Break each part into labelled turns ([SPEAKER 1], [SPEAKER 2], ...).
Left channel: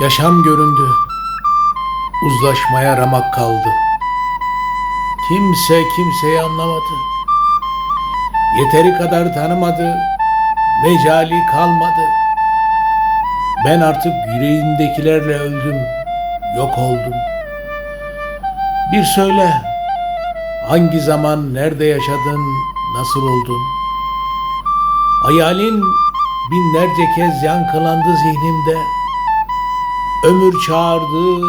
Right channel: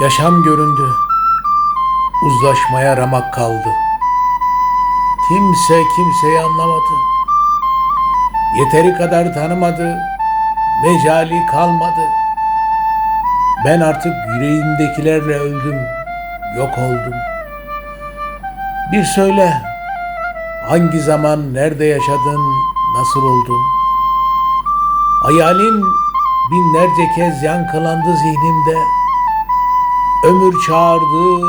[SPEAKER 1] Yaşam göründü. Uzlaşmaya ramak kaldı. Kimse kimseyi anlamadı. Yeteri kadar tanımadı. Mecali kalmadı. Ben artık yüreğimdekilerle öldüm. Yok oldum. Bir söyle. Hangi zaman, nerede yaşadın, nasıl oldun? Hayalin binlerce kez yankılandı zihnimde. Ömür çağırdı,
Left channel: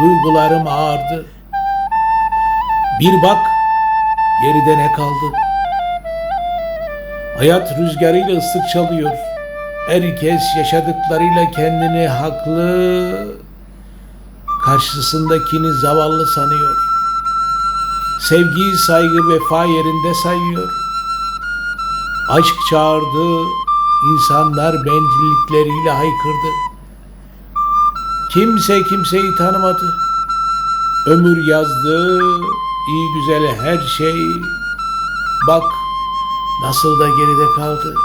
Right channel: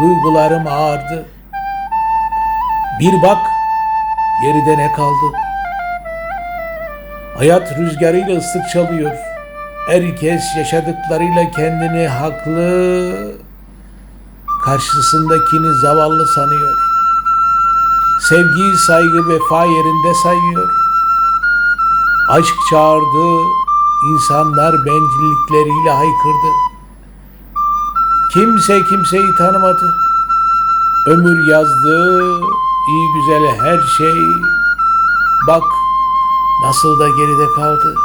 [SPEAKER 1] duygularım ağırdı. Bir bak, geride ne kaldı? Hayat rüzgarıyla ıslık çalıyor. Herkes yaşadıklarıyla kendini haklı, karşısındakini zavallı sanıyor. Sevgi, saygı, vefa yerinde sayıyor. Aşk çağırdı, insanlar bencillikleriyle haykırdı. Kimse kimseyi tanımadı. Ömür yazdı, iyi güzel her şey. Bak nasıl da geride kaldı.